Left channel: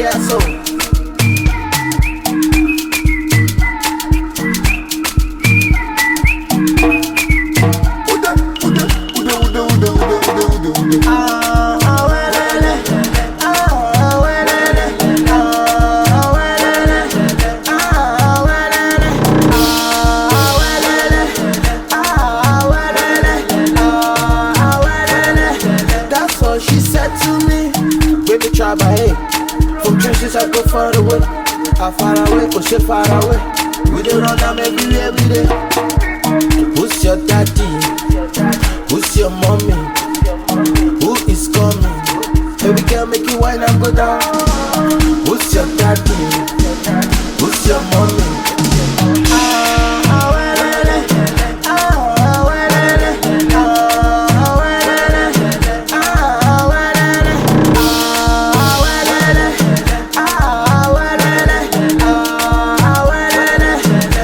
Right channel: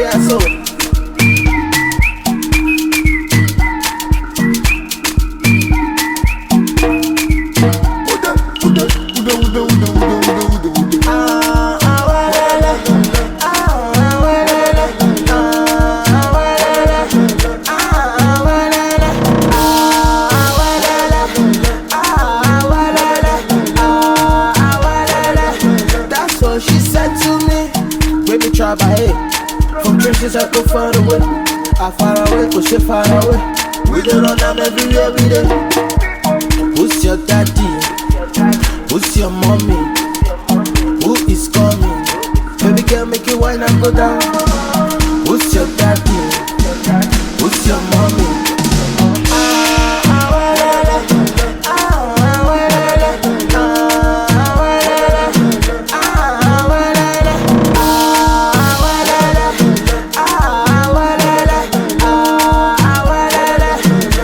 yeah, so. That's what she said to me. When me try by hey. From trenches I go far away. I far away, go shit far away. We don't run them everywhere we dey. Who's your daddy? Who's your mommy? Who is coming? Baby girl, make you wine and go down. Who's your daddy? Who's your mommy?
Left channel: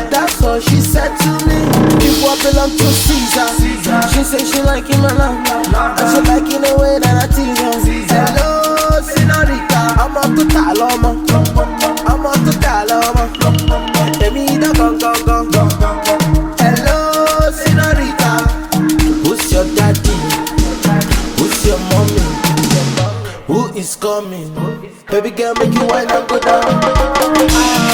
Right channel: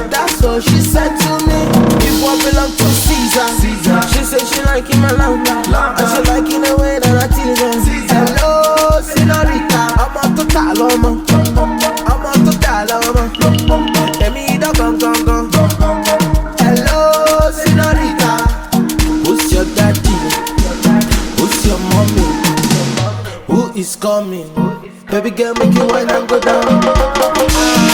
That's what she said to me. Give what belong to Caesar. She say she liking my love, and she liking the way that I tease her. Hello, señorita, I'm on to Taloma. I'm on to Taloma. Let me the gong. Hello, señorita. Who's your daddy? Who's your mommy? Who is coming? Baby girl, make you wine and go down.